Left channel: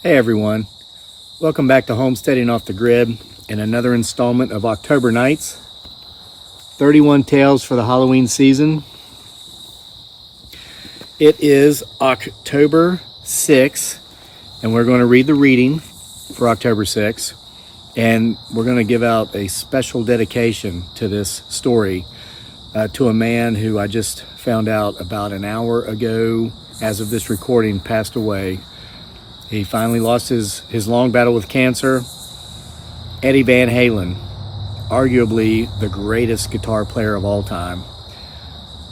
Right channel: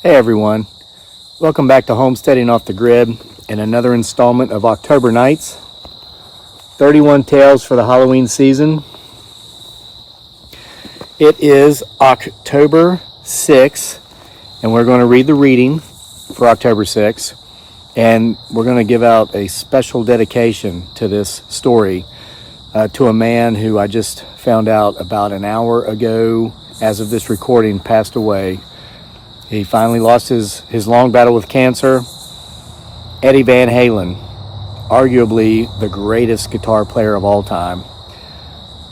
Hey everyone, welcome back to Homesteading Off the Grid and another installment of October Nights. 31 tales for the Halloween season. It is October 6th and we're going to read the reading for October 6th, and we're going to give out a special dedication to this story to a man who I just found out about an hour ago, as of this recording, passed away. He finally lost his long battle with cancer. Eddie Van Halen, arguably the greatest guitar player of all time.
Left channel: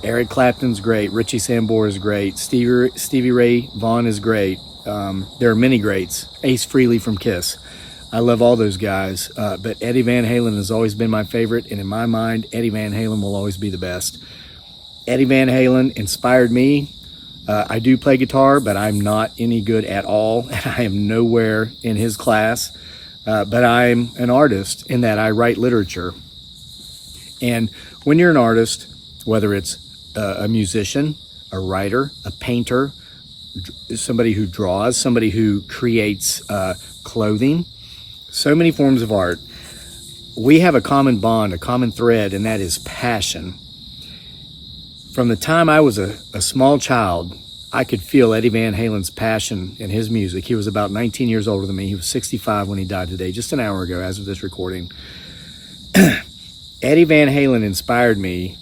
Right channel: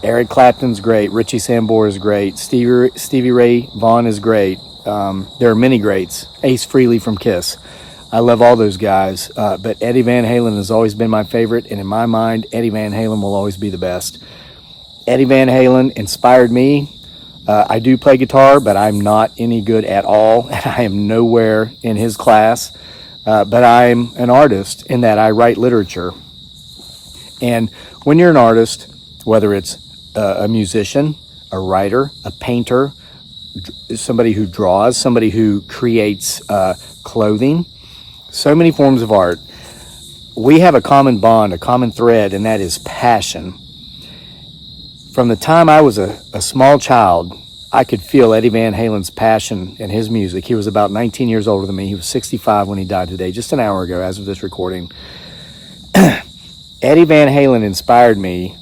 Eric Clapton's great. Richie Sambora is great. Stevie Ray Vaughan is great. There are many greats. Ace Frehley from Kiss. I love all those guys. But Eddie Van Halen has always been my favorite. And in my mind, Eddie Van Halen will always be the best. Eddie Van Halen inspired me. I do play guitar, but I'm not any good at all. I am nowhere in his class. But I'm an artist in that I write literature. And when you're an artist, whether it's a musician, a writer, a painter, somebody who draws, somebody who creates clothing, so many forms of art, we have a common bond, a common thread, and that is passion. From the time I was a small child, I could feel Eddie Van Halen's passion in his music. He was about 19 years older than me. He was 65 when he died today, just an hour ago as of this recording. Eddie Van Halen inspired me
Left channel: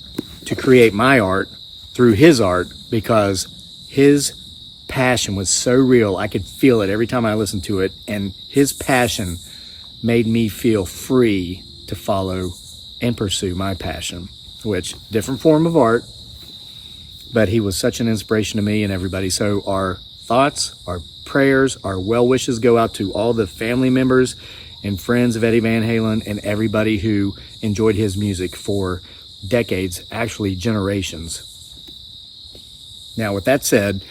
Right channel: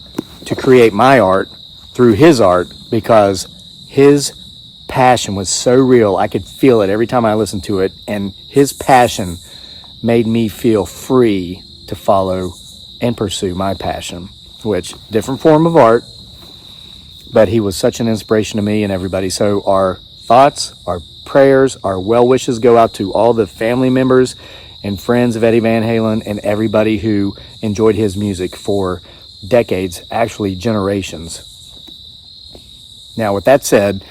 to create my art through his art because his passion was so real. I could feel it every time I listened to it, and his passion made me feel free to follow and pursue my passion, which, different form of art, but he was such an inspiration to me and everybody. So our thoughts, our prayers, our well wishes go out to all the family members and friends of Eddie Van Halen and everybody who enjoyed his music for decades, actually generations. Now, with that said,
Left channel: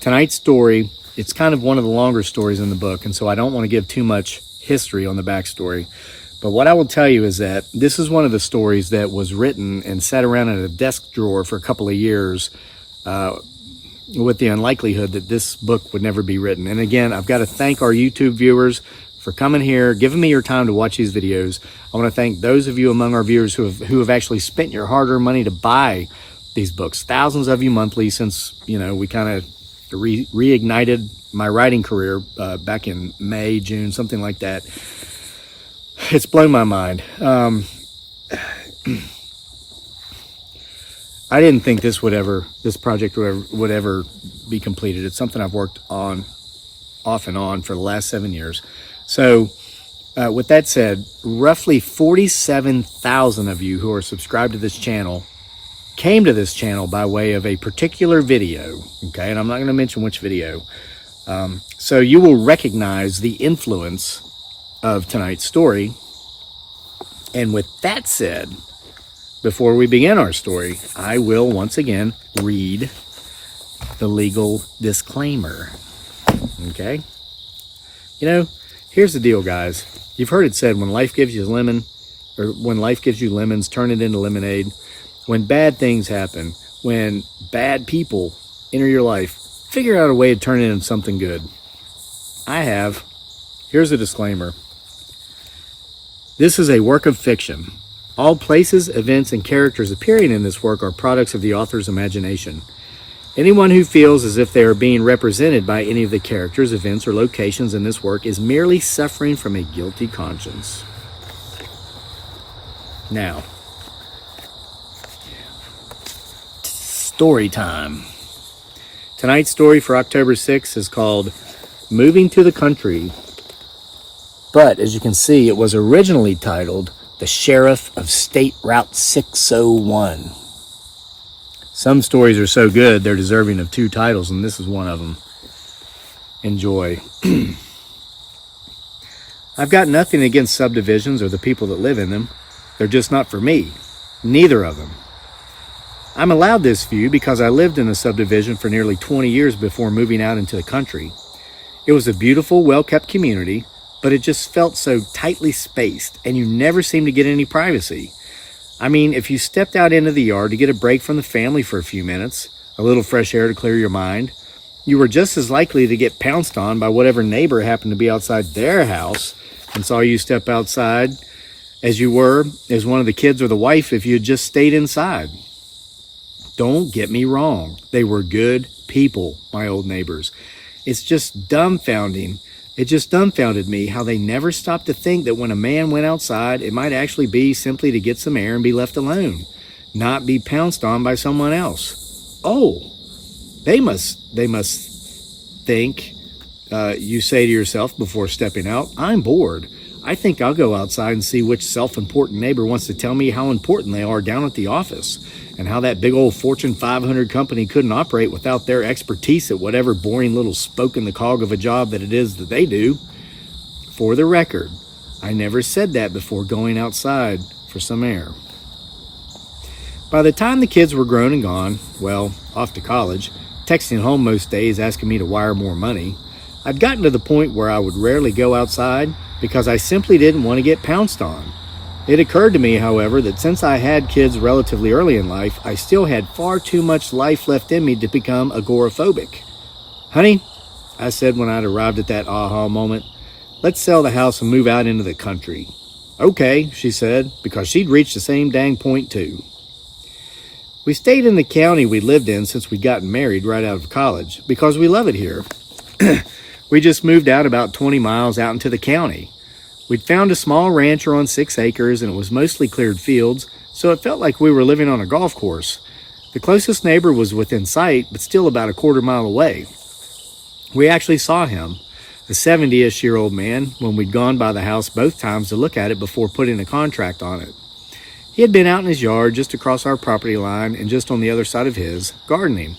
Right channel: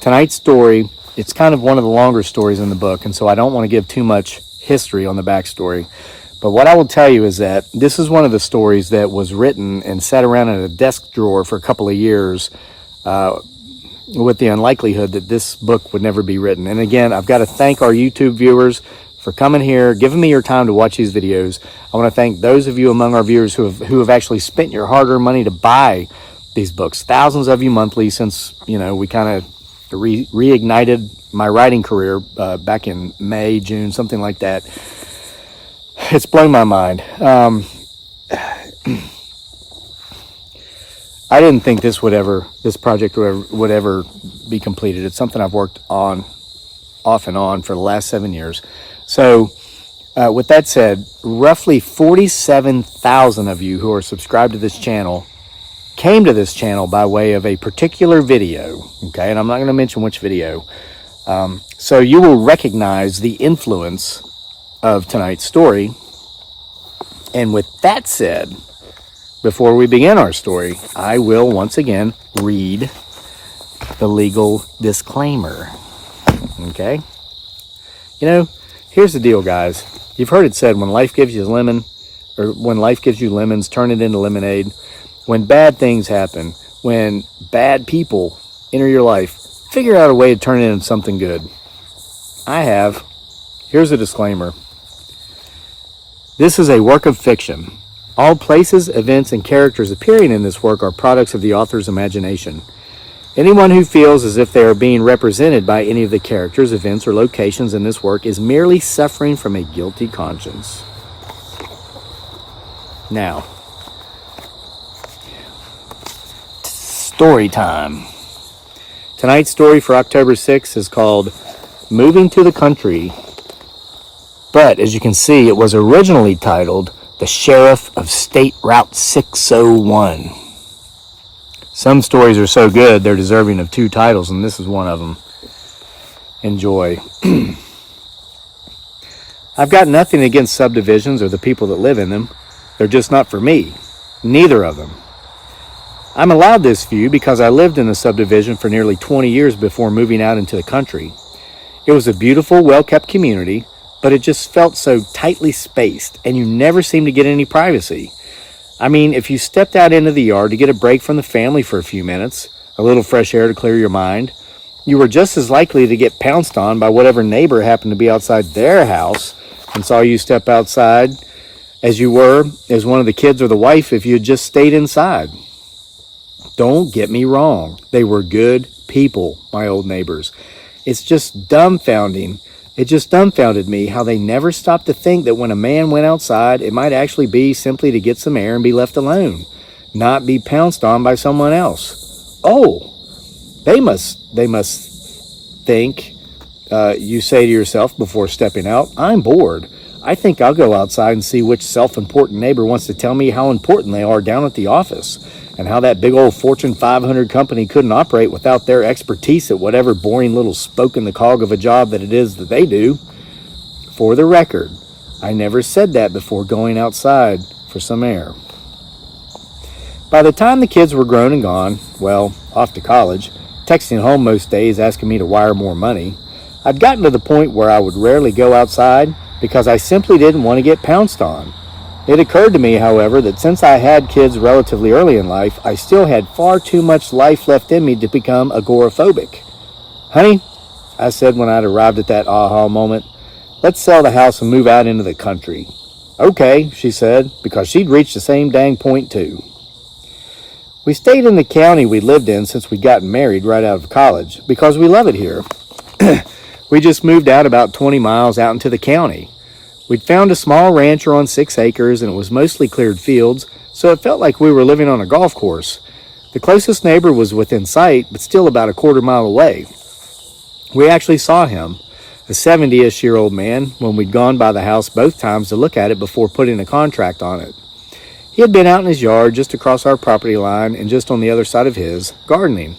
tonight's story, it's kind of one of the longer stories in the book, and so I don't want to give too much history on the backstory. But what I will tell you is that this is one of the stories that was written and sat around in a desk drawer for a couple of years with the unlikelihood that this book would never be written. And again, I've got to thank our YouTube viewers for coming here, giving me your time to watch these videos. I want to thank those of you among our viewers who have actually spent your hard-earned money to buy these books. Thousands of you monthly since, we kind of reignited my writing career back in May, June, something like that. It's blown my mind. I didn't think this project would ever be completed. It's something I've worked on off and on for the last 7 years. So with that said, roughly 47,000 of you who are subscribed to this channel came to this channel by way of a particular video. Okay, and I'm not going to mention which video. So you will recognize the influence of tonight's story. And with that said, before we begin our story, I will once again read the legal disclaimer. Okay? Here's the deal, guys. You've heard it said, when life gives you lemons, turn it into lemonade. When bad things happen, when bad people enter your life, figure out a way to turn it into something good. I have. Here's a disclaimer. This is a work of fiction. All places, events, and characters appearing in this work are products of the author's imagination. Anyone who feels as if they are being represented by any of the characters, events, or locations in this work is merely suffering from a guilty conscience. Now, story time. Tonight's story for October 6th is called Moving to the Country. But, as you can see, it was originally titled The Sheriff of State Route 601. Some stories are so good, they're deserving of 2 titles, and this is one of them. Enjoy. I've got nothing against subdivisions or the people that live in them. They're just not for me. Neither of them. I'm allowed this view because I lived in a subdivision for nearly 20 years before moving out into the country. It was a beautiful, well-kept community, but it just felt so tightly spaced, and you never seemed to get any privacy. I mean, if you stepped out into the yard to get a break from the family for a few minutes, a little fresh air to clear your mind, you were just as likely to get pounced on by whatever neighbor happened to be outside their house and saw you step outside as you were as one of the kids or the wife if you had just stayed inside. Don't get me wrong. They were good people, my old neighbors. It just dumbfounded me how they never stopped to think that when a man went outside, it might actually be simply to get some air and be left alone, not be pounced on by someone else. Oh, they must think, you say to yourself before stepping out, I'm bored. I think I'll go outside and see which self-important neighbor wants to tell me how important they are down at the office, and how that big old Fortune 500 company couldn't operate without their expertise at whatever boring little spoke in the cog of a job that it is that they do. For the record, I never said that before going outside for some air. By the time the kids were grown and gone, well, off to college, texting home most days asking me to wire more money, I'd gotten to the point where I would rarely go outside because I simply didn't want to get pounced on. It occurred to me, however, that since I had kids relatively early in life, I still had far too much life left in me to become agoraphobic. Honey, I said when I'd arrived at that aha moment, let's sell the house and move out into the country. Okay, she said, because she'd reached the same dang point too. We stayed in the county we lived in since we'd gotten married right out of college, because we love it here. We just moved out about 20 miles out into the county. We'd found a small rancher on 6 acres, and it was mostly cleared fields, so it felt like we were living on a golf course. The closest neighbor was within sight, but still about a quarter mile away. We actually saw him, a 70-ish-year-old man, when we'd gone by the house both times to look at it before putting a contract on it. He had been out in his yard just across our property line and just on the other side of his, gardening.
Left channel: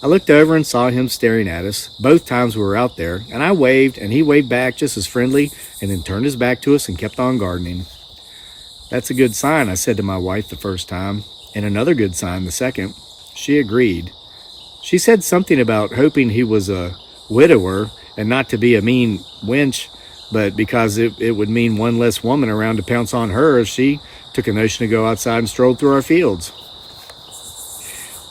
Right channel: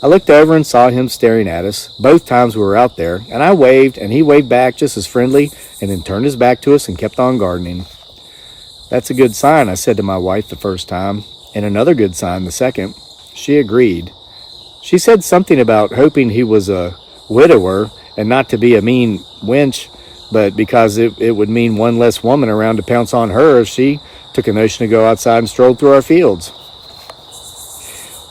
I looked over and saw him staring at us both times we were out there, and I waved, and he waved back just as friendly, and then turned his back to us and kept on gardening. That's a good sign, I said to my wife the first time, and another good sign the second. She agreed. She said something about hoping he was a widower and not to be a mean wench, but because it would mean one less woman around to pounce on her if she took a notion to go outside and stroll through our fields.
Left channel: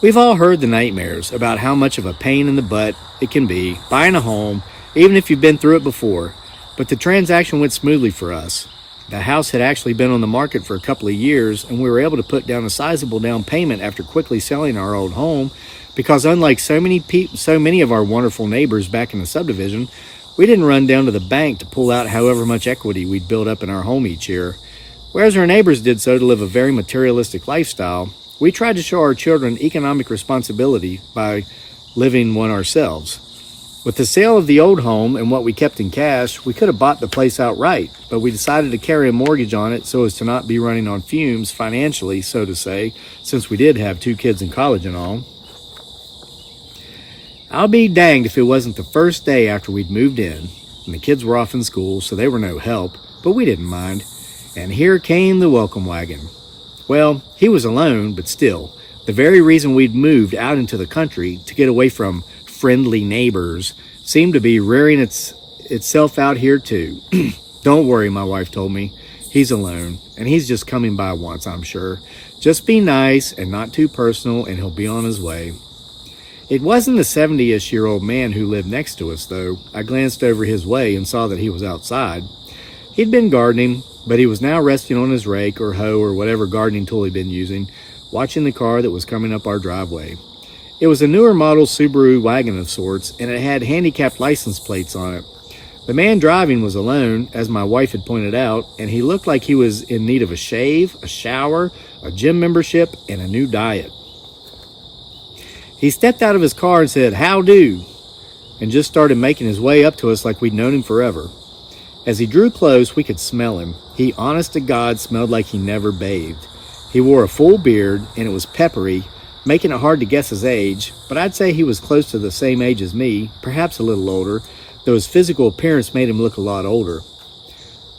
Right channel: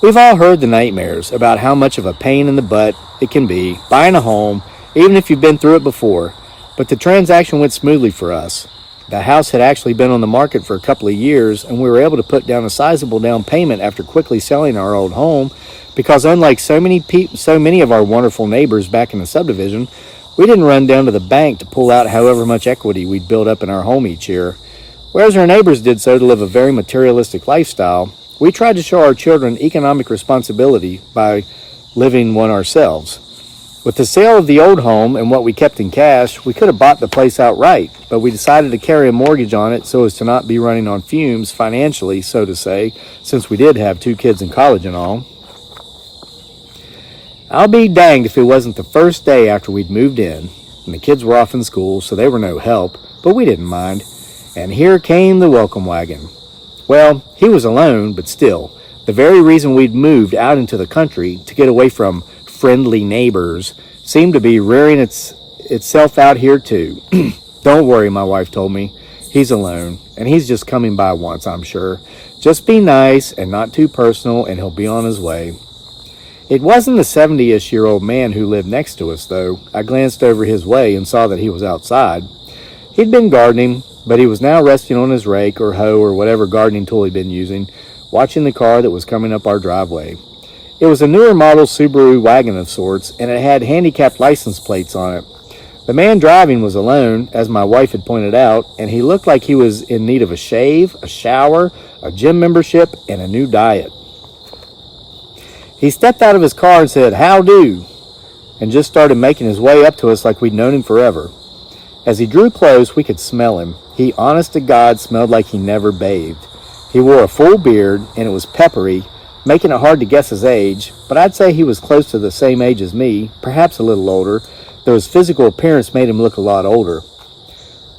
We've all heard the nightmares about how much of a pain in the butt it can be buying a home, even if you've been through it before. But the transaction went smoothly for us. The house had actually been on the market for a couple of years, and we were able to put down a sizable down payment after quickly selling our old home, because unlike so many of our wonderful neighbors back in the subdivision, we didn't run down to the bank to pull out however much equity we'd built up in our home each year. Whereas our neighbors did so to live a very materialistic lifestyle, we tried to show our children economic responsibility by living one ourselves. With the sale of the old home and what we kept in cash, we could have bought the place outright, but we decided to carry a mortgage on it so as to not be running on fumes financially, so to say, since we did have 2 kids in college and all. I'll be danged if it wasn't the first day after we'd moved in, and the kids were off in school, so they were no help, but we didn't mind. And here came the welcome wagon. Well, he was alone, but still, the very reason we'd moved out into the country to get away from friendly neighbors seemed to be rearing itself out here too. Don't worry, my wife told me. He's alone, and he's just coming by once, I'm sure. Just be nice and not too personal, and he'll be on his way. It wasn't the 70-ish-year-old man who lived next to us, though. I glanced over his way and saw that he was outside. He'd been gardening, but he was now resting on his rake or hoe or whatever gardening tool he'd been using, watching the car that was coming up our driveway. It was a newer model Subaru wagon of sorts, and it had handicapped license plates on it. The man driving was alone, as my wife had pointed out, and he looked like he was in need of a shave, a shower, a gym membership, and a new diet. He stepped out of his car and said, "How do?" and just started making his way up to us like we'd known him forever. As he drew close, we could smell him. He, honest to God, smelled like he never bathed. He wore a full beard, and it was peppery, making it hard to guess his age, but I'd say he was close to the same age as me, perhaps a little older, though his physical appearance made him look a lot older.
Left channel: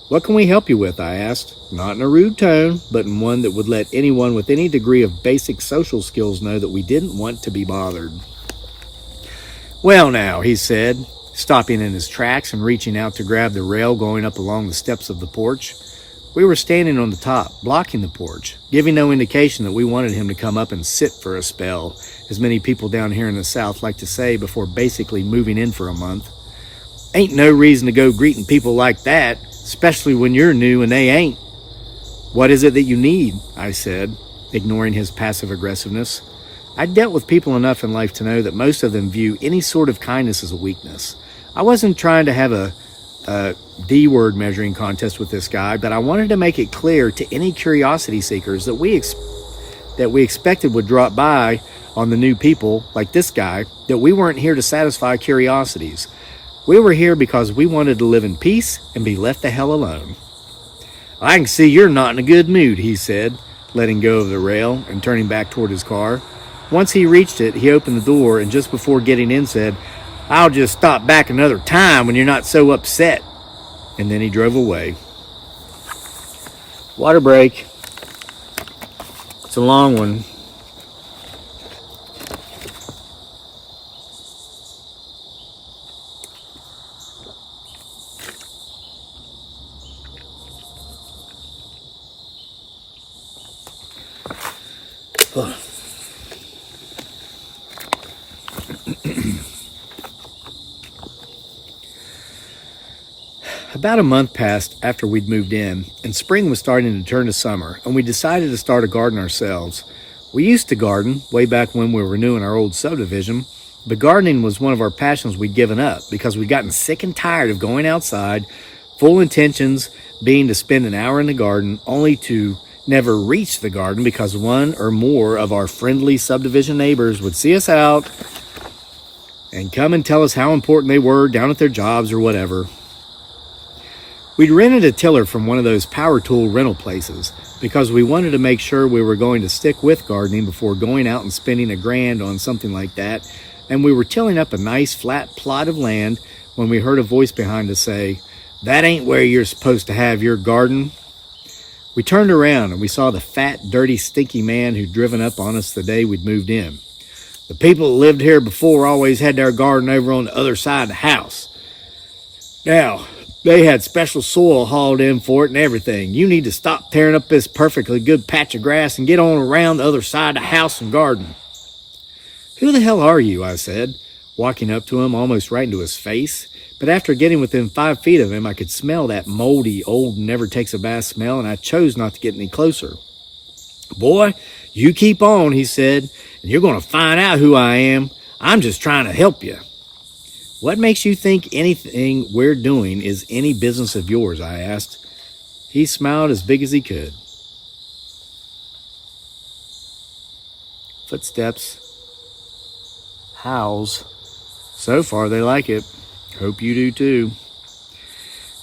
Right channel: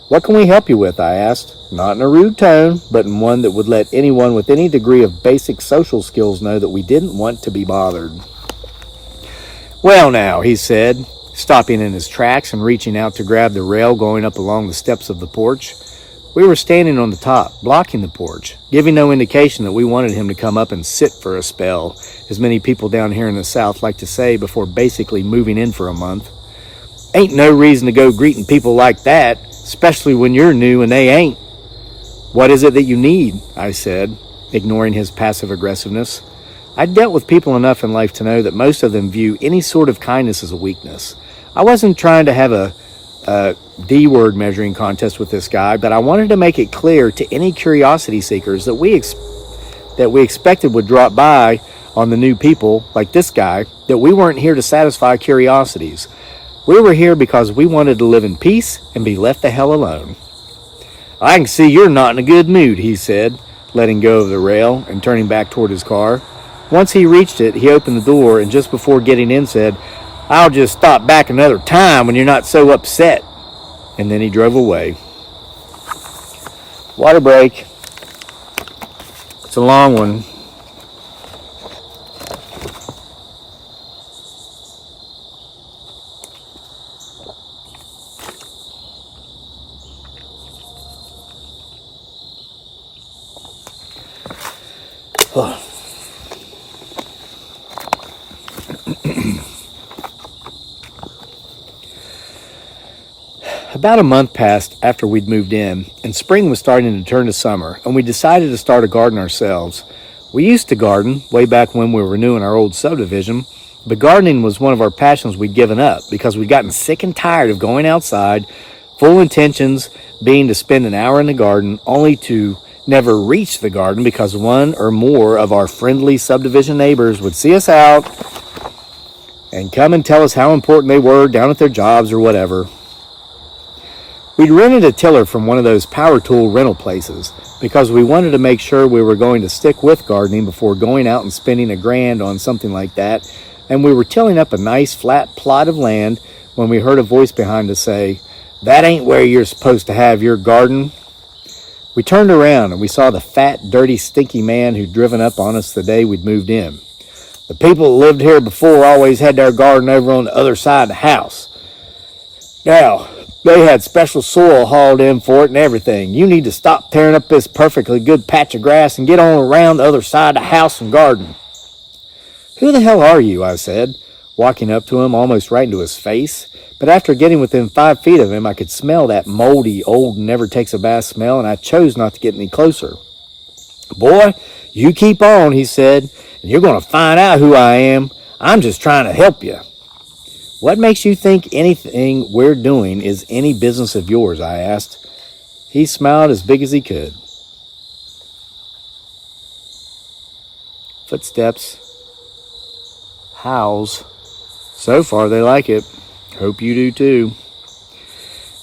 "What can we help you with?" I asked, not in a rude tone, but in one that would let anyone with any degree of basic social skills know that we didn't want to be bothered. "Well now," he said, stopping in his tracks and reaching out to grab the rail going up along the steps of the porch. We were standing on the top, blocking the porch, giving no indication that we wanted him to come up and sit for a spell, as many people down here in the South like to say before basically moving in for a month. Ain't no reason to go greeting people like that, especially when you're new and they ain't. What is it that you need? I said, ignoring his passive aggressiveness. I'd dealt with people enough in life to know that most of them view any sort of kindness as a weakness. I wasn't trying to have a D-word measuring contest with this guy, but I wanted to make it clear to any curiosity seekers that we expected would drop by on the new people, like this guy, that we weren't here to satisfy curiosities. We were here because we wanted to live in peace and be left the hell alone. I can see you're not in a good mood, he said, letting go of the rail and turning back toward his car. Once he reached it, he opened the door and just before getting in said, I'll just stop back another time when you're not so upset. And then he drove away. Water break. It's a long one. About a month passed after we'd moved in, and spring was starting to turn to summer, and we decided to start a garden ourselves. We used to garden way back when we were new in our old subdivision, but gardening was one of our passions we'd given up because we'd gotten sick and tired of going outside, full intentions being to spend an hour in the garden, only to never reach the garden because one or more of our friendly subdivision neighbors would see us out and come and tell us how important they were down at their jobs or whatever. We'd rented a tiller from one of those power tool rental places because we wanted to make sure we were going to stick with gardening before going out and spending $1,000 on something like that, and we were tilling up a nice flat plot of land when we heard a voice behind us say, "That ain't where you're supposed to have your garden." We turned around and we saw the fat, dirty, stinky man who'd driven up on us the day we'd moved in. "The people that lived here before always had their garden over on the other side of the house. Now, they had special soil hauled in for it and everything. You need to stop tearing up this perfectly good patch of grass and get on around the other side of the house and garden." "Who the hell are you?" I said, walking up to him almost right into his face. But after getting within 5 feet of him, I could smell that moldy, old, never-takes-a-bath smell, and I chose not to get any closer. "Boy, you keep on," he said, "and you're going to find out who I am. I'm just trying to help you." "What makes you think anything we're doing is any business of yours?" I asked. He smiled as big as he could. Footsteps. Howls. So far they like it. Hope you do too.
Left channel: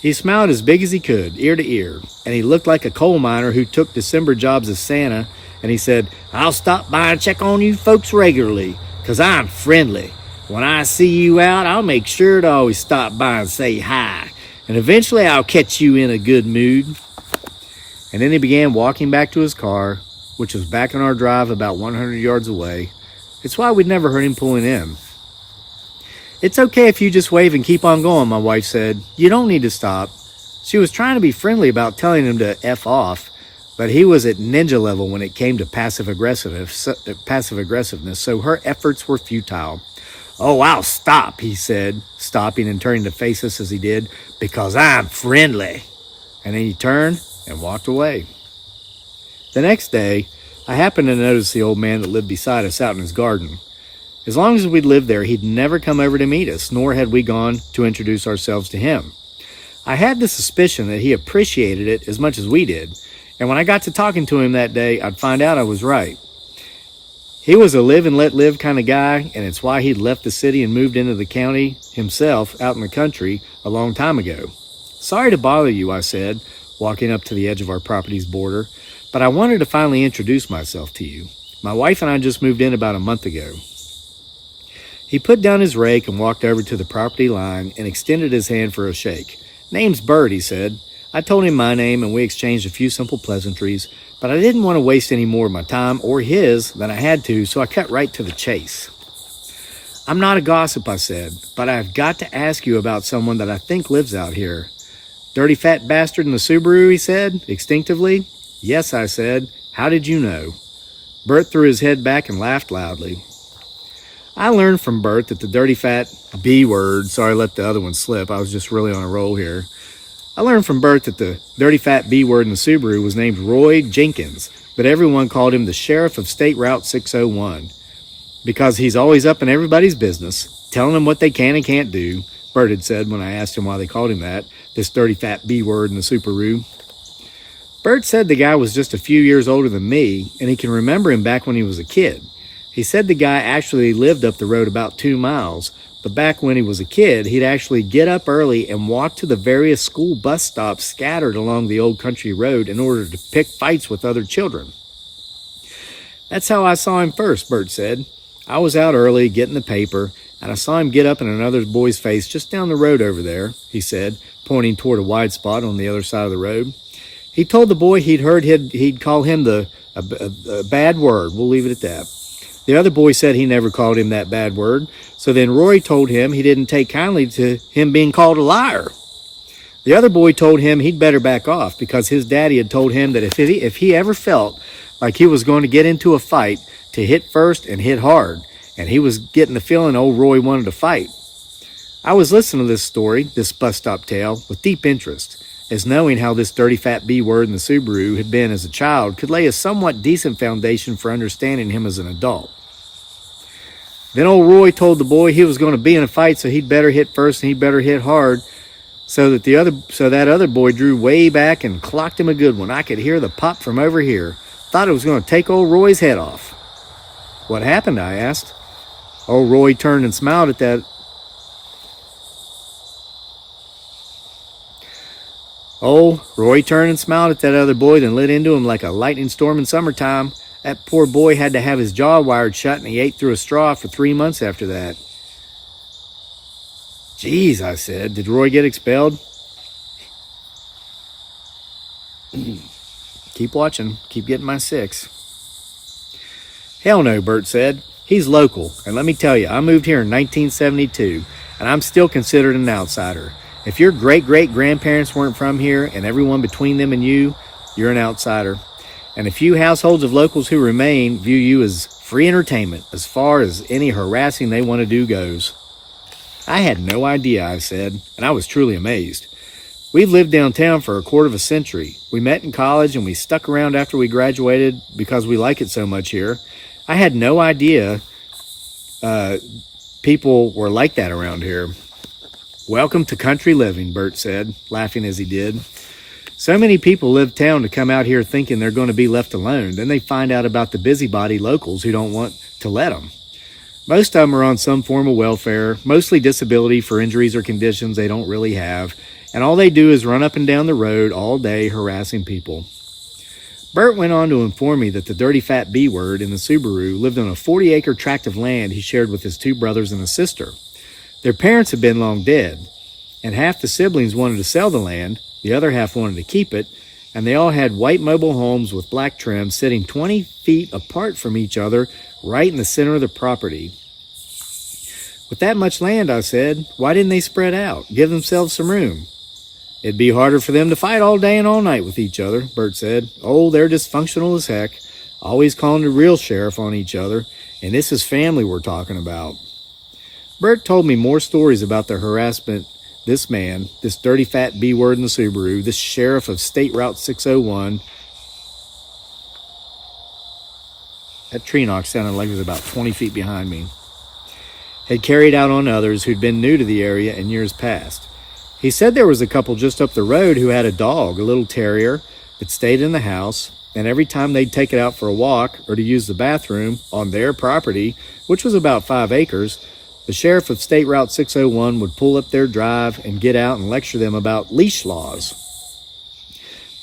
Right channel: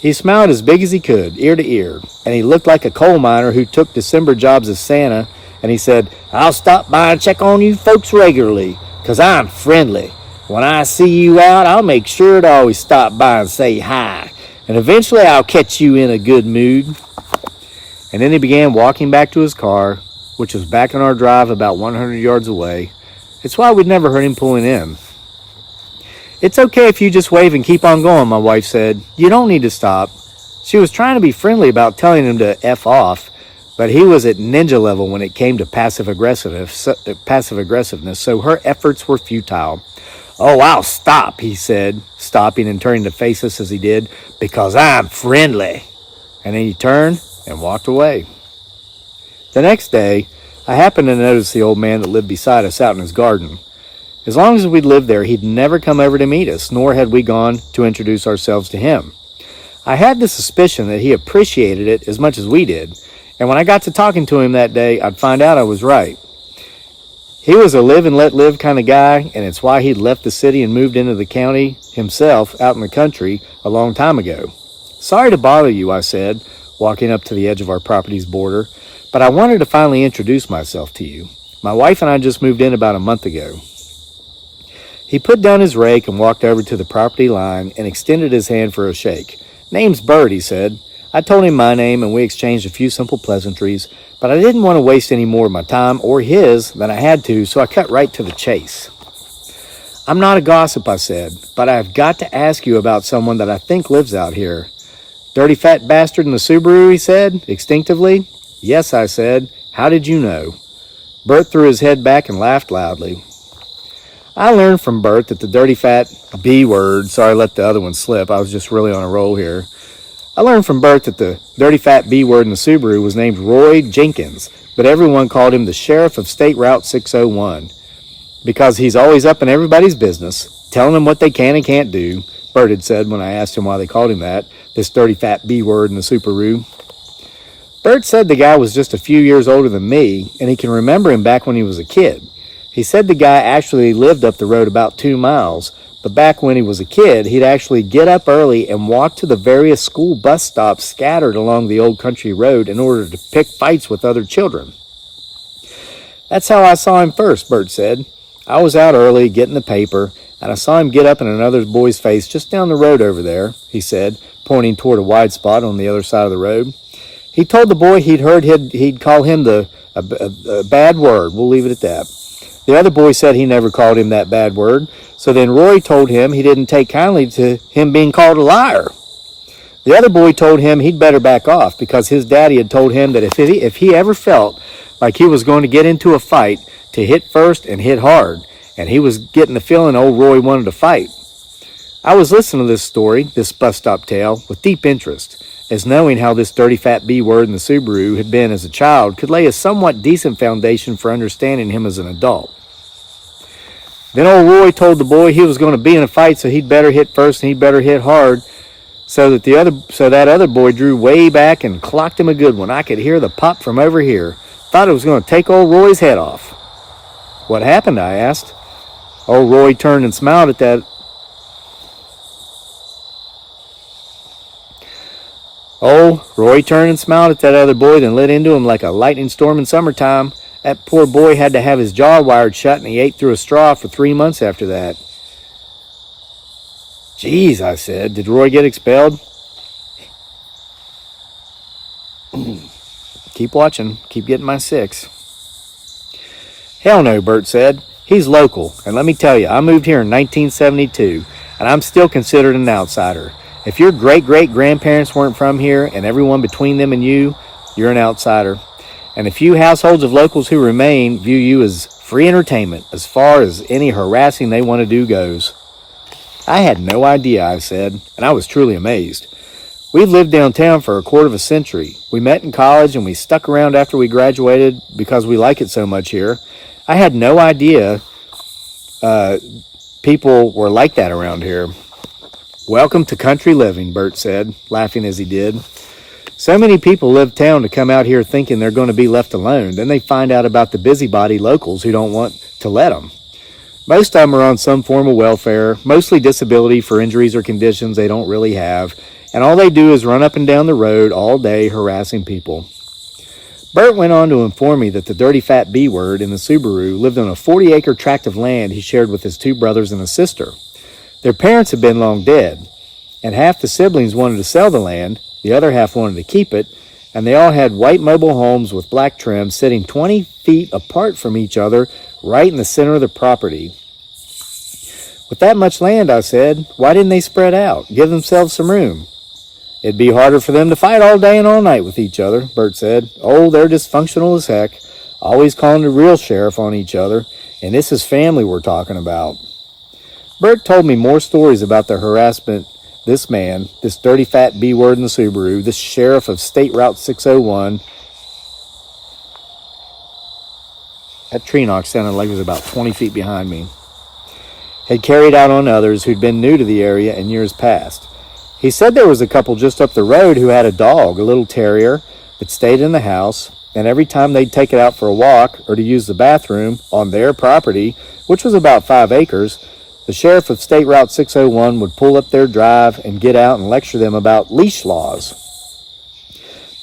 He smiled as big as he could, ear to ear, and he looked like a coal miner who took December jobs as Santa, and he said, "I'll stop by and check on you folks regularly, 'cause I'm friendly. When I see you out, I'll make sure to always stop by and say hi, and eventually I'll catch you in a good mood." And then he began walking back to his car, which was back on our drive about 100 yards away. It's why we'd never heard him pulling in. "It's okay if you just wave and keep on going," my wife said. "You don't need to stop." She was trying to be friendly about telling him to F off, but he was at ninja level when it came to passive aggressiveness, so her efforts were futile. "Oh, I'll stop," he said, stopping and turning to face us as he did, "because I'm friendly." And then he turned and walked away. The next day, I happened to notice the old man that lived beside us out in his garden. As long as we'd lived there, he'd never come over to meet us, nor had we gone to introduce ourselves to him. I had the suspicion that he appreciated it as much as we did, and when I got to talking to him that day, I'd find out I was right. He was a live and let live kind of guy, and it's why he'd left the city and moved into the county himself out in the country a long time ago. "Sorry to bother you," I said, walking up to the edge of our property's border, "but I wanted to finally introduce myself to you. My wife and I just moved in about a month ago." He put down his rake and walked over to the property line and extended his hand for a shake. "Name's Bert," he said. I told him my name and we exchanged a few simple pleasantries, but I didn't want to waste any more of my time or his than I had to, so I cut right to the chase. "I'm not a gossip," I said, "but I've got to ask you about someone that I think lives out here." "Dirty fat bastard in the Subaru," he said, instinctively. "Yes," I said. "How did you know?" Bert threw his head back and laughed loudly. I learned from Bert that the dirty fat B word, sorry, I let the other one slip. I was just really on a roll here. I learned from Bert that the dirty fat B word in the Subaru was named Roy Jenkins, but everyone called him the Sheriff of State Route 601 because he's always up in everybody's business, telling them what they can and can't do, Bert had said when I asked him why they called him that, this dirty fat B word in the Subaru. Bert said the guy was just a few years older than me, and he can remember him back when he was a kid. He said the guy actually lived up the road about 2 miles, but back when he was a kid, he'd actually get up early and walk to the various school bus stops scattered along the old country road in order to pick fights with other children. That's how I saw him first, Bert said. I was out early getting the paper, and I saw him get up in another boy's face just down the road over there, he said, pointing toward a wide spot on the other side of the road. He told the boy he'd heard he'd call him a bad word. We'll leave it at that. The other boy said he never called him that bad word, so then Roy told him he didn't take kindly to him being called a liar. The other boy told him he'd better back off because his daddy had told him that if he ever felt like he was going to get into a fight, to hit first and hit hard, and he was getting the feeling old Roy wanted to fight. I was listening to this story, this bus stop tale, with deep interest, as knowing how this dirty fat B word in the Subaru had been as a child could lay a somewhat decent foundation for understanding him as an adult. Then old Roy told the boy he was going to be in a fight, so he'd better hit first and he'd better hit hard, so that other boy drew way back and clocked him a good one. I could hear the pop from over here. Thought it was going to take old Roy's head off. What happened? I asked. Old Roy turned and smiled at that. Roy turned and smiled at that other boy, then lit into him like a lightning storm in summertime. That poor boy had to have his jaw wired shut, and he ate through a straw for 3 months after that. Geez, I said, did Roy get expelled? Keep watching. Keep getting my 6. Hell no, Bert said. He's local, and let me tell you, I moved here in 1972, and I'm still considered an outsider. If your great-great-grandparents weren't from here, and everyone between them and you, you're an outsider. And a few households of locals who remain view you as free entertainment as far as any harassing they want to do goes. I had no idea, I said, and I was truly amazed. We've lived downtown for a quarter of a century. We met in college and we stuck around after we graduated because we like it so much here. I had no idea people were like that around here. Welcome to country living, Bert said, laughing as he did. So many people leave town to come out here thinking they're going to be left alone. Then they find out about the busybody locals who don't want to let them. Most of them are on some form of welfare, mostly disability for injuries or conditions they don't really have, and all they do is run up and down the road all day harassing people. Bert went on to inform me that the dirty fat B word in the Subaru lived on a 40-acre tract of land he shared with his 2 brothers and a sister. Their parents had been long dead, and half the siblings wanted to sell the land, the other half wanted to keep it, and they all had white mobile homes with black trim sitting 20 feet apart from each other right in the center of the property. With that much land, I said, why didn't they spread out, give themselves some room? It'd be harder for them to fight all day and all night with each other, Bert said. Oh, they're dysfunctional as heck, always calling the real sheriff on each other, and this is family we're talking about. Bert told me more stories about the harassment this man, this dirty fat B word in the Subaru, this sheriff of State Route 601. That tree knock sounded like it was about 20 feet behind me. Had carried out on others who'd been new to the area in years past. He said there was a couple just up the road who had a dog, a little terrier, that stayed in the house, and every time they'd take it out for a walk or to use the bathroom on their property, which was about 5 acres, the sheriff of State Route 601 would pull up their drive and get out and lecture them about leash laws.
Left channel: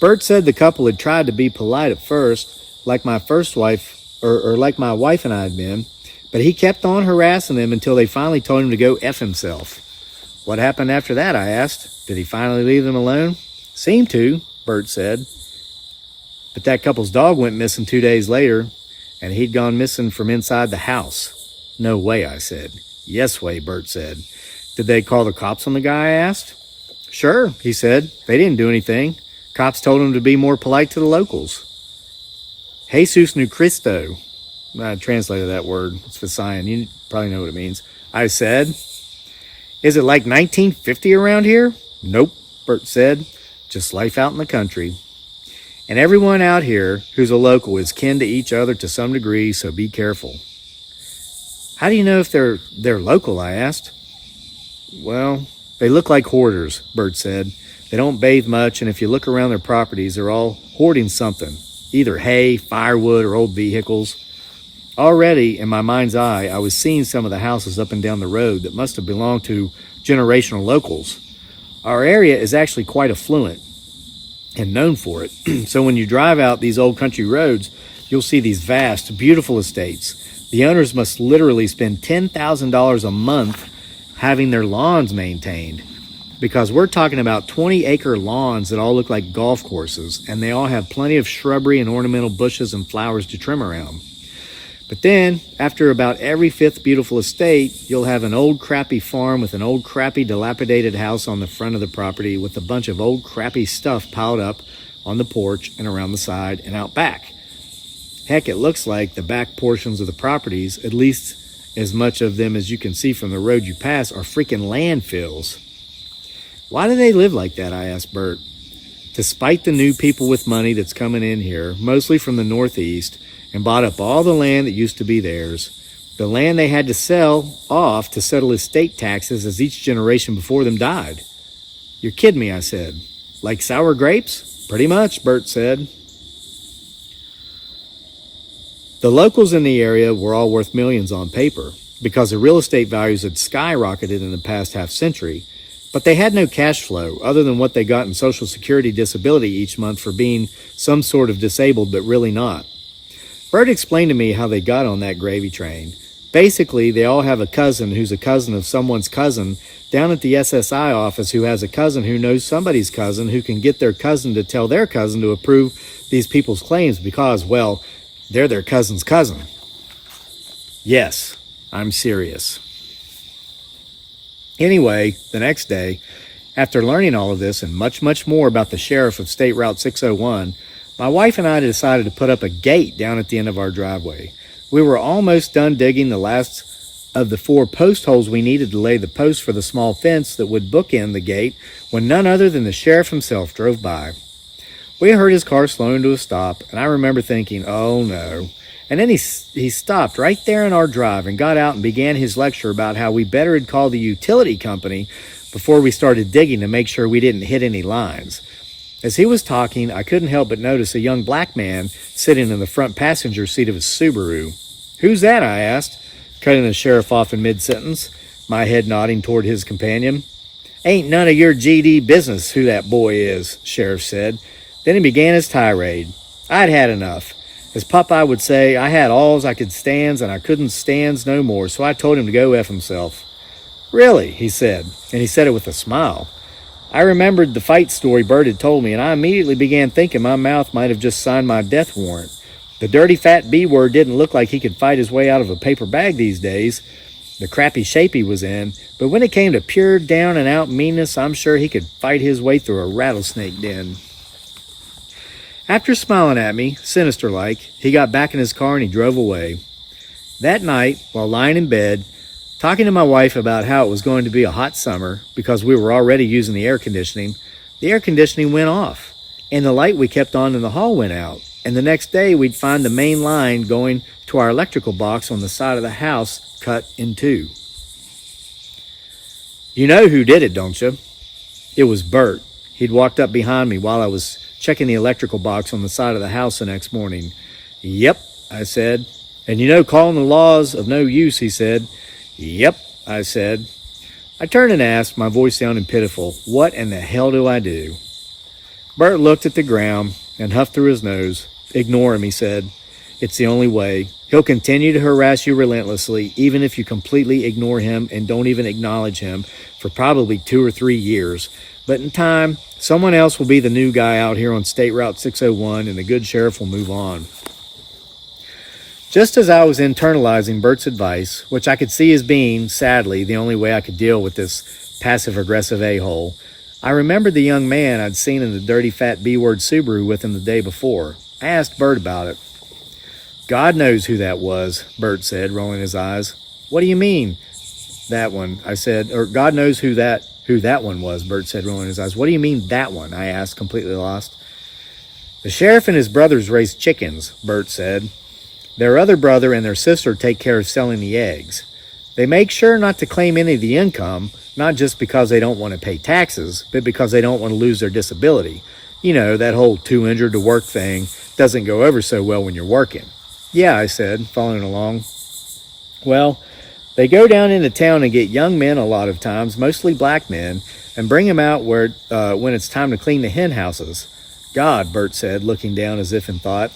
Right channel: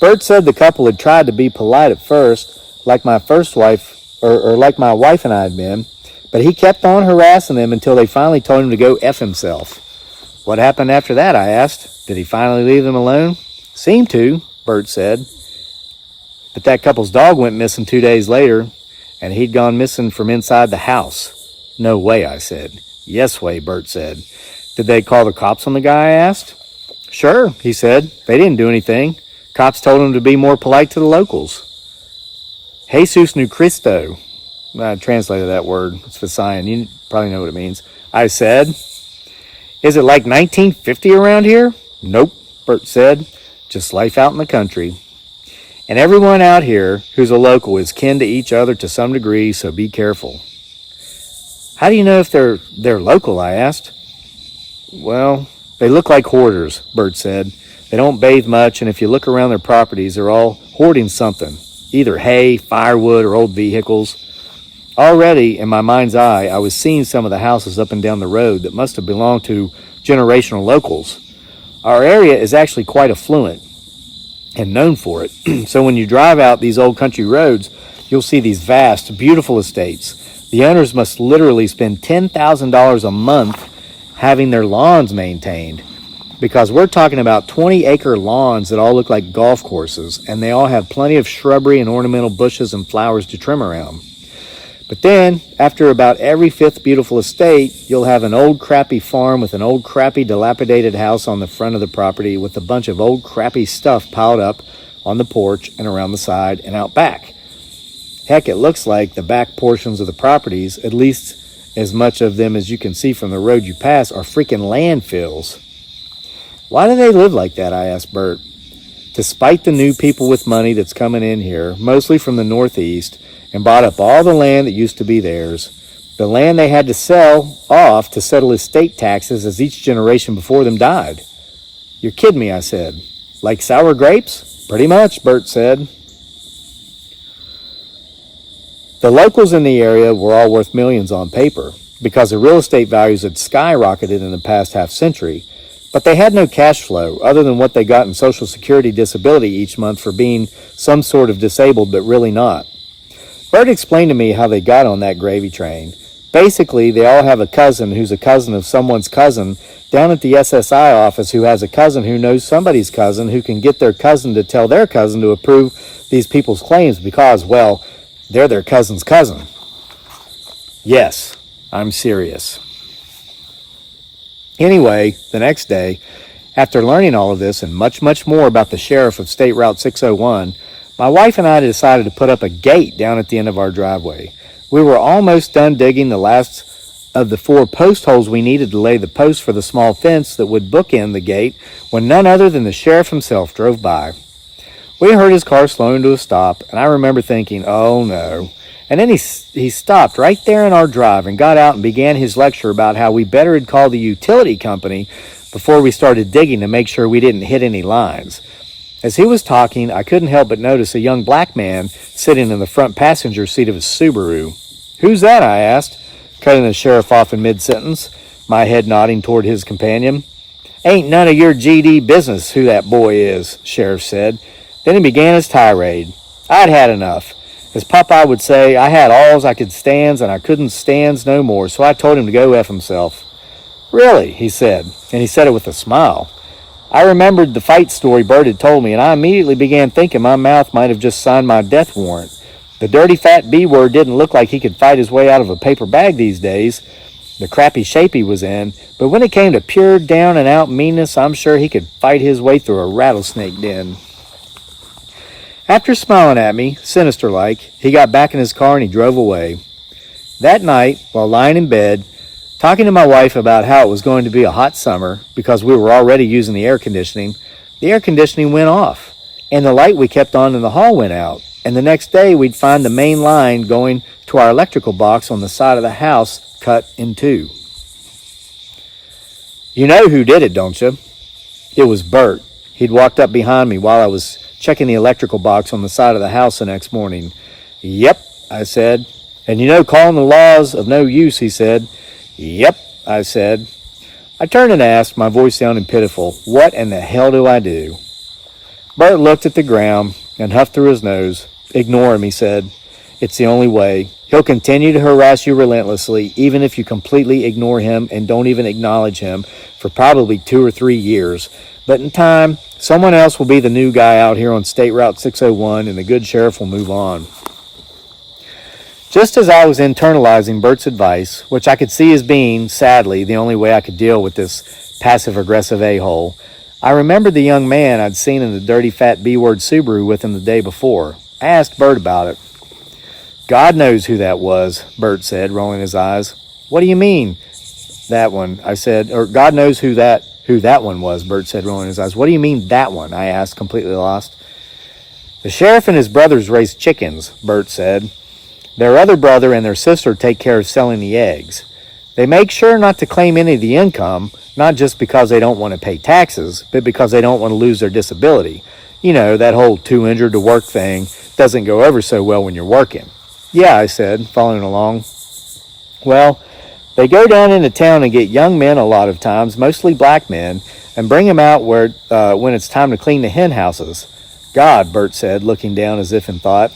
Bert said the couple had tried to be polite at first, like my first wife, or like my wife and I had been, but he kept on harassing them until they finally told him to go F himself. What happened after that, I asked. Did he finally leave them alone? Seemed to, Bert said. But that couple's dog went missing 2 days later, and he'd gone missing from inside the house. No way, I said. Yes way, Bert said. Did they call the cops on the guy, I asked. Sure, he said. They didn't do anything. Cops told him to be more polite to the locals. Jesus no Cristo. I translated that word. It's Visayan. You probably know what it means. I said, is it like 1950 around here? Nope, Bert said. Just life out in the country. And everyone out here who's a local is kin to each other to some degree, so be careful. How do you know if they're local, I asked. Well, they look like hoarders, Bert said. They don't bathe much, and if you look around their properties, they're all hoarding something, either hay, firewood, or old vehicles. Already, in my mind's eye, I was seeing some of the houses up and down the road that must have belonged to generational locals. Our area is actually quite affluent and known for it. So when you drive out these old country roads, you'll see these vast, beautiful estates. The owners must literally spend $10,000 a month having their lawns maintained, because we're talking about 20-acre lawns that all look like golf courses, and they all have plenty of shrubbery and ornamental bushes and flowers to trim around. But then, after about every fifth beautiful estate, you'll have an old crappy farm with an old crappy dilapidated house on the front of the property with a bunch of old crappy stuff piled up on the porch and around the side and out back. Heck, it looks like the back portions of the properties, at least as much of them as you can see from the road you pass, are freaking landfills. Why do they live like that, I asked Bert. Despite the new people with money that's coming in here, mostly from the Northeast, and bought up all the land that used to be theirs, the land they had to sell off to settle estate taxes as each generation before them died. You're kidding me, I said. Like sour grapes? Pretty much, Bert said. The locals in the area were all worth millions on paper, because the real estate values had skyrocketed in the past half century, but they had no cash flow other than what they got in Social Security disability each month for being some sort of disabled, but really not. Bert explained to me how they got on that gravy train. Basically, they all have a cousin who's a cousin of someone's cousin down at the SSI office who has a cousin who knows somebody's cousin who can get their cousin to tell their cousin to approve these people's claims because, well, they're their cousin's cousin. Yes, I'm serious. Anyway, the next day, after learning all of this and much, much more about the sheriff of State Route 601, my wife and I decided to put up a gate down at the end of our driveway. We were almost done digging the last of the 4 post holes we needed to lay the posts for the small fence that would bookend the gate when none other than the sheriff himself drove by. We heard his car slowing to a stop, and I remember thinking, oh no. And then he stopped right there in our drive and got out and began his lecture about how we better had called the utility company before we started digging to make sure we didn't hit any lines. As he was talking, I couldn't help but notice a young black man sitting in the front passenger seat of his Subaru. Who's that? I asked, cutting the sheriff off in mid-sentence, my head nodding toward his companion. Ain't none of your GD business who that boy is, Sheriff said. Then he began his tirade. I'd had enough. As Popeye would say, I had alls I could stands and I couldn't stands no more, so I told him to go F himself. Really, he said, and he said it with a smile. I remembered the fight story Bert had told me, and I immediately began thinking my mouth might have just signed my death warrant. The dirty fat B-word didn't look like he could fight his way out of a paper bag these days, the crappy shape he was in, but when it came to pure down-and-out meanness, I'm sure he could fight his way through a rattlesnake den. After smiling at me, sinister-like, he got back in his car and he drove away. That night, while lying in bed, talking to my wife about how it was going to be a hot summer because we were already using the air conditioning went off, and the light we kept on in the hall went out, and the next day we'd find the main line going to our electrical box on the side of the house cut in two. You know who did it, don't you? It was Bert. He'd walked up behind me while I was checking the electrical box on the side of the house the next morning. Yep, I said. And you know calling the laws of no use, he said. Yep, I said. I turned and asked, my voice sounding pitiful, what in the hell do I do? Bert looked at the ground and huffed through his nose. Ignore him, he said. It's the only way. He'll continue to harass you relentlessly, even if you completely ignore him and don't even acknowledge him for probably 2 or 3 years. But in time, someone else will be the new guy out here on State Route 601, and the good sheriff will move on. Just as I was internalizing Bert's advice, which I could see as being, sadly, the only way I could deal with this passive-aggressive a-hole, I remembered the young man I'd seen in the dirty fat B-word Subaru with him the day before. I asked Bert about it. God knows who that was, Bert said, rolling his eyes. What do you mean, that one? I said, or God knows who that one was, Bert said, rolling his eyes. What do you mean, that one? I asked, completely lost. The sheriff and his brothers raise chickens, Bert said. Their other brother and their sister take care of selling the eggs. They make sure not to claim any of the income, not just because they don't want to pay taxes, but because they don't want to lose their disability. You know, that whole too injured to work thing doesn't go over so well when you're working. Yeah, I said, following along. Well, they go down into town and get young men a lot of times, mostly black men, and bring them out when it's time to clean the hen houses. God, Bert said, looking down as if in thought.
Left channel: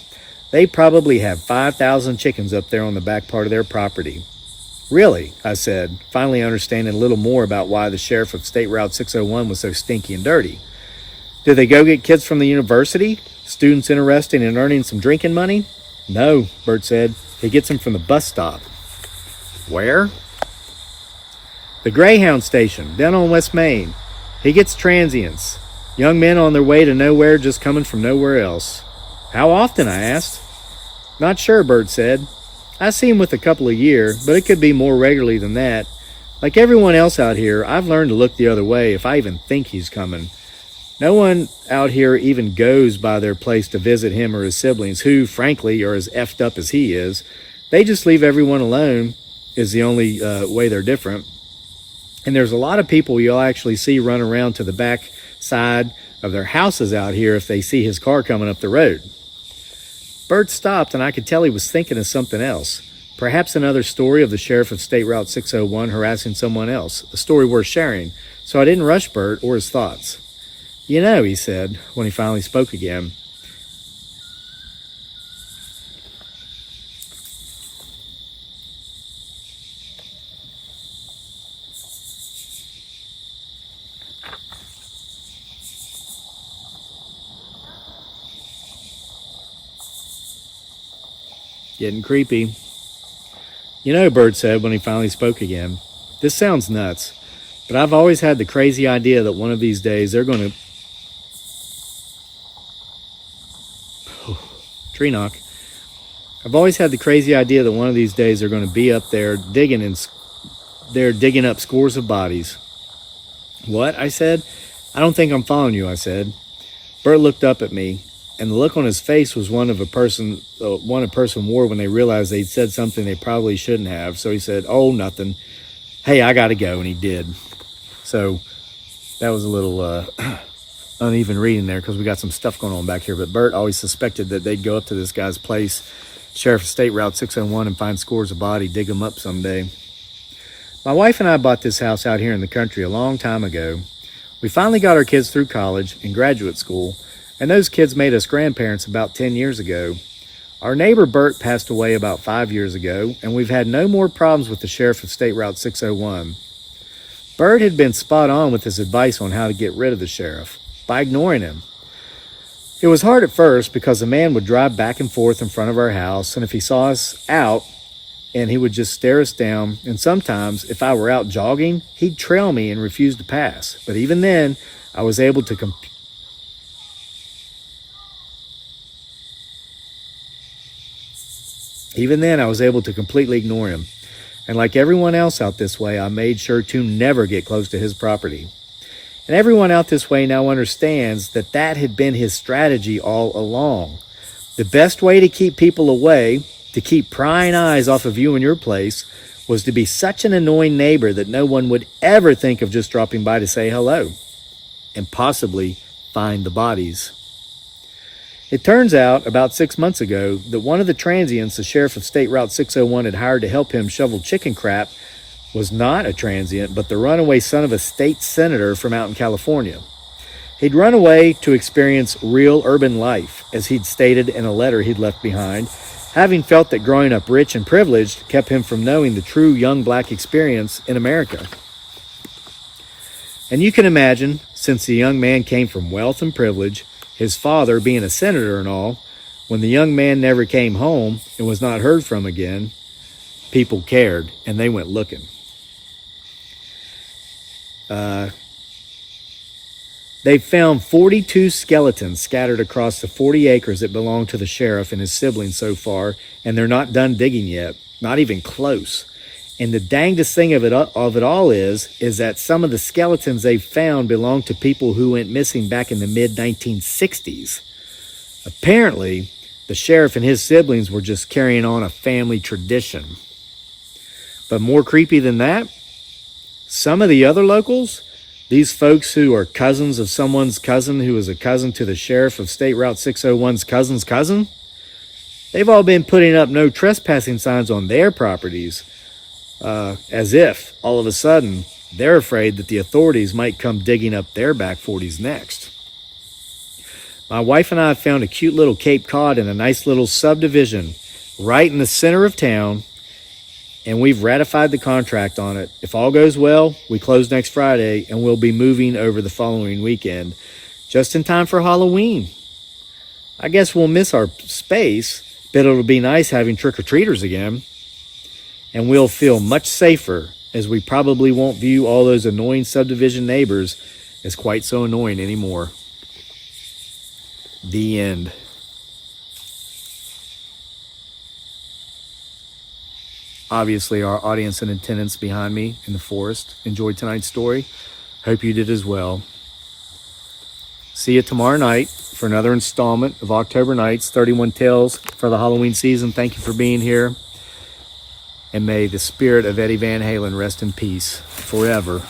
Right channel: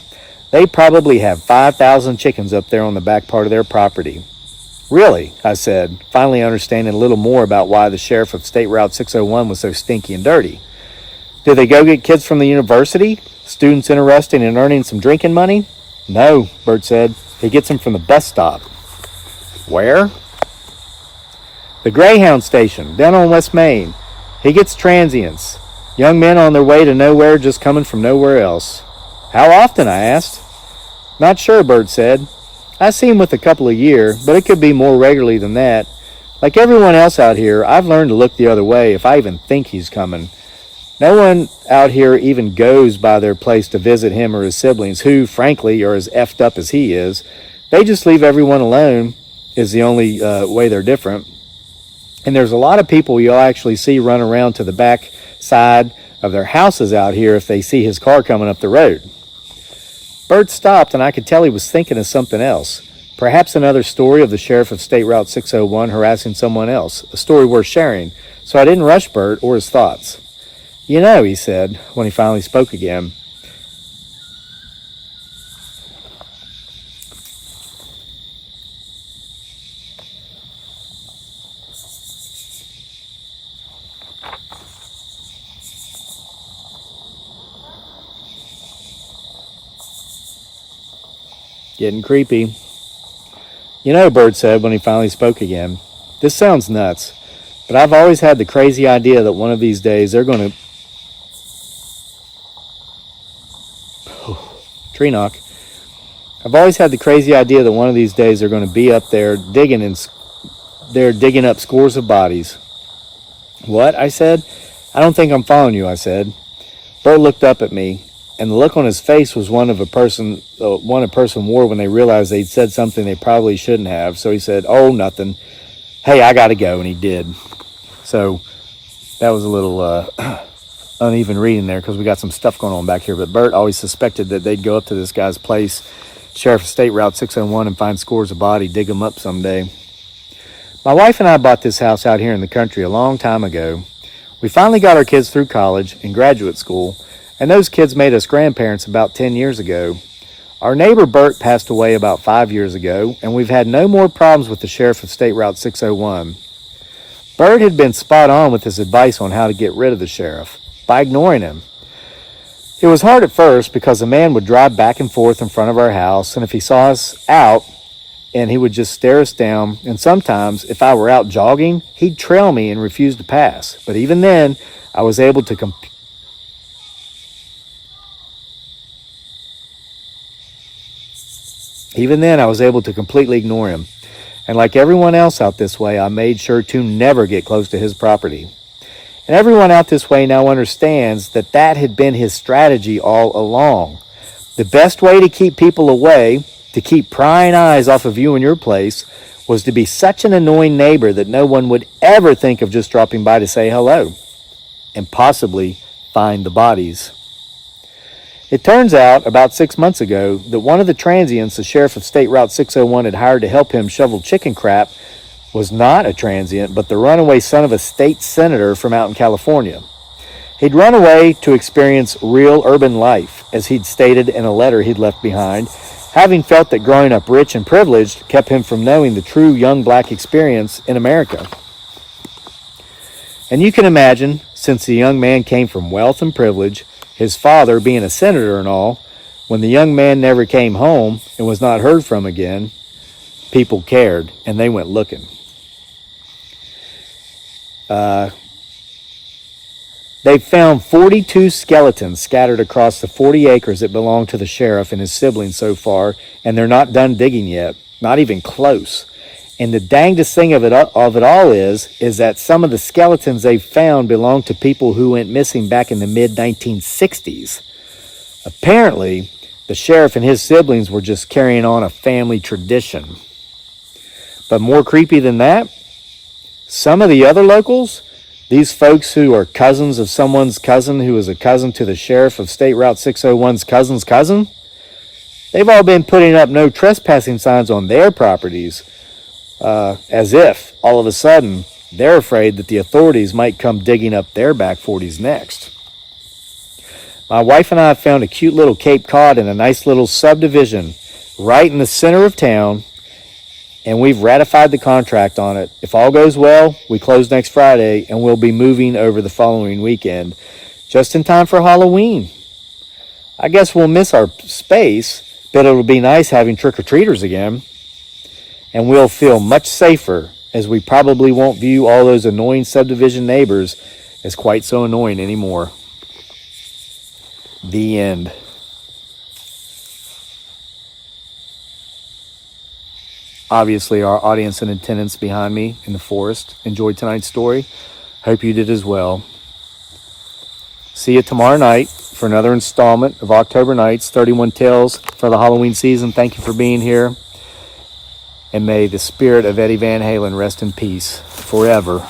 They probably have 5,000 chickens up there on the back part of their property. Really, I said, finally understanding a little more about why the sheriff of State Route 601 was so stinky and dirty. Did they go get kids from the university? Students interested in earning some drinking money? No, Bert said. He gets them from the bus stop. Where? The Greyhound station, down on West Main. He gets transients. Young men on their way to nowhere, just coming from nowhere else. How often, I asked. Not sure, Bert said. I see him with a couple a year, but it could be more regularly than that. Like everyone else out here, I've learned to look the other way if I even think he's coming. No one out here even goes by their place to visit him or his siblings, who, frankly, are as effed up as he is. They just leave everyone alone, is the only way they're different. And there's a lot of people you'll actually see run around to the back side of their houses out here if they see his car coming up the road. Bert stopped, and I could tell he was thinking of something else. Perhaps another story of the sheriff of State Route 601 harassing someone else, a story worth sharing. So I didn't rush Bert or his thoughts. You know, he said, when he finally spoke again, getting creepy. You know, Bert said when he finally spoke again, this sounds nuts, but I've always had the crazy idea that one of these days they're going to... Tree knock. I've always had the crazy idea that one of these days they're going to be up there digging up scores of bodies. What? I said. I don't think I'm following you, I said. Bert looked up at me, and the look on his face was one a person wore when they realized they'd said something they probably shouldn't have. So he said, oh, nothing. Hey, I got to go, and he did. So that was a little uneven reading there because we got some stuff going on back here. But Bert always suspected that they'd go up to this guy's place, Sheriff of State Route 601, and find scores of bodies, dig them up someday. My wife and I bought this house out here in the country a long time ago. We finally got our kids through college and graduate school, and those kids made us grandparents about 10 years ago. Our neighbor Bert passed away about 5 years ago, and we've had no more problems with the Sheriff of State Route 601. Bert had been spot on with his advice on how to get rid of the sheriff, by ignoring him. It was hard at first because the man would drive back and forth in front of our house, and if he saw us out, and he would just stare us down, and sometimes, if I were out jogging, he'd trail me and refuse to pass. But even then, I was able to completely ignore him. And like everyone else out this way, I made sure to never get close to his property. And everyone out this way now understands that that had been his strategy all along. The best way to keep people away, to keep prying eyes off of you and your place, was to be such an annoying neighbor that no one would ever think of just dropping by to say hello and possibly find the bodies. It turns out, about 6 months ago, that one of the transients the Sheriff of State Route 601 had hired to help him shovel chicken crap was not a transient, but the runaway son of a state senator from out in California. He'd run away to experience real urban life, as he'd stated in a letter he'd left behind, having felt that growing up rich and privileged kept him from knowing the true young black experience in America. And you can imagine, since the young man came from wealth and privilege, his father being a senator and all, when the young man never came home and was not heard from again, people cared, and they went looking. They found 42 skeletons scattered across the 40 acres that belong to the sheriff and his siblings so far, and they're not done digging yet, not even close. And the dangest thing of it all is that some of the skeletons they found belong to people who went missing back in the mid-1960s. Apparently, the sheriff and his siblings were just carrying on a family tradition. But more creepy than that, some of the other locals, these folks who are cousins of someone's cousin who is a cousin to the sheriff of State Route 601's cousin's cousin, they've all been putting up no trespassing signs on their properties, as if, all of a sudden, they're afraid that the authorities might come digging up their back 40s next. My wife and I found a cute little Cape Cod in a nice little subdivision right in the center of town, and we've ratified the contract on it. If all goes well, we close next Friday, and we'll be moving over the following weekend, just in time for Halloween. I guess we'll miss our space, but it'll be nice having trick-or-treaters again, and we'll feel much safer, as we probably won't view all those annoying subdivision neighbors as quite so annoying anymore. The end. Obviously, our audience and attendants behind me in the forest enjoyed tonight's story. Hope you did as well. See you tomorrow night for another installment of October Nights, 31 Tales for the Halloween season. Thank you for being here. And may the spirit of Eddie Van Halen rest in peace forever.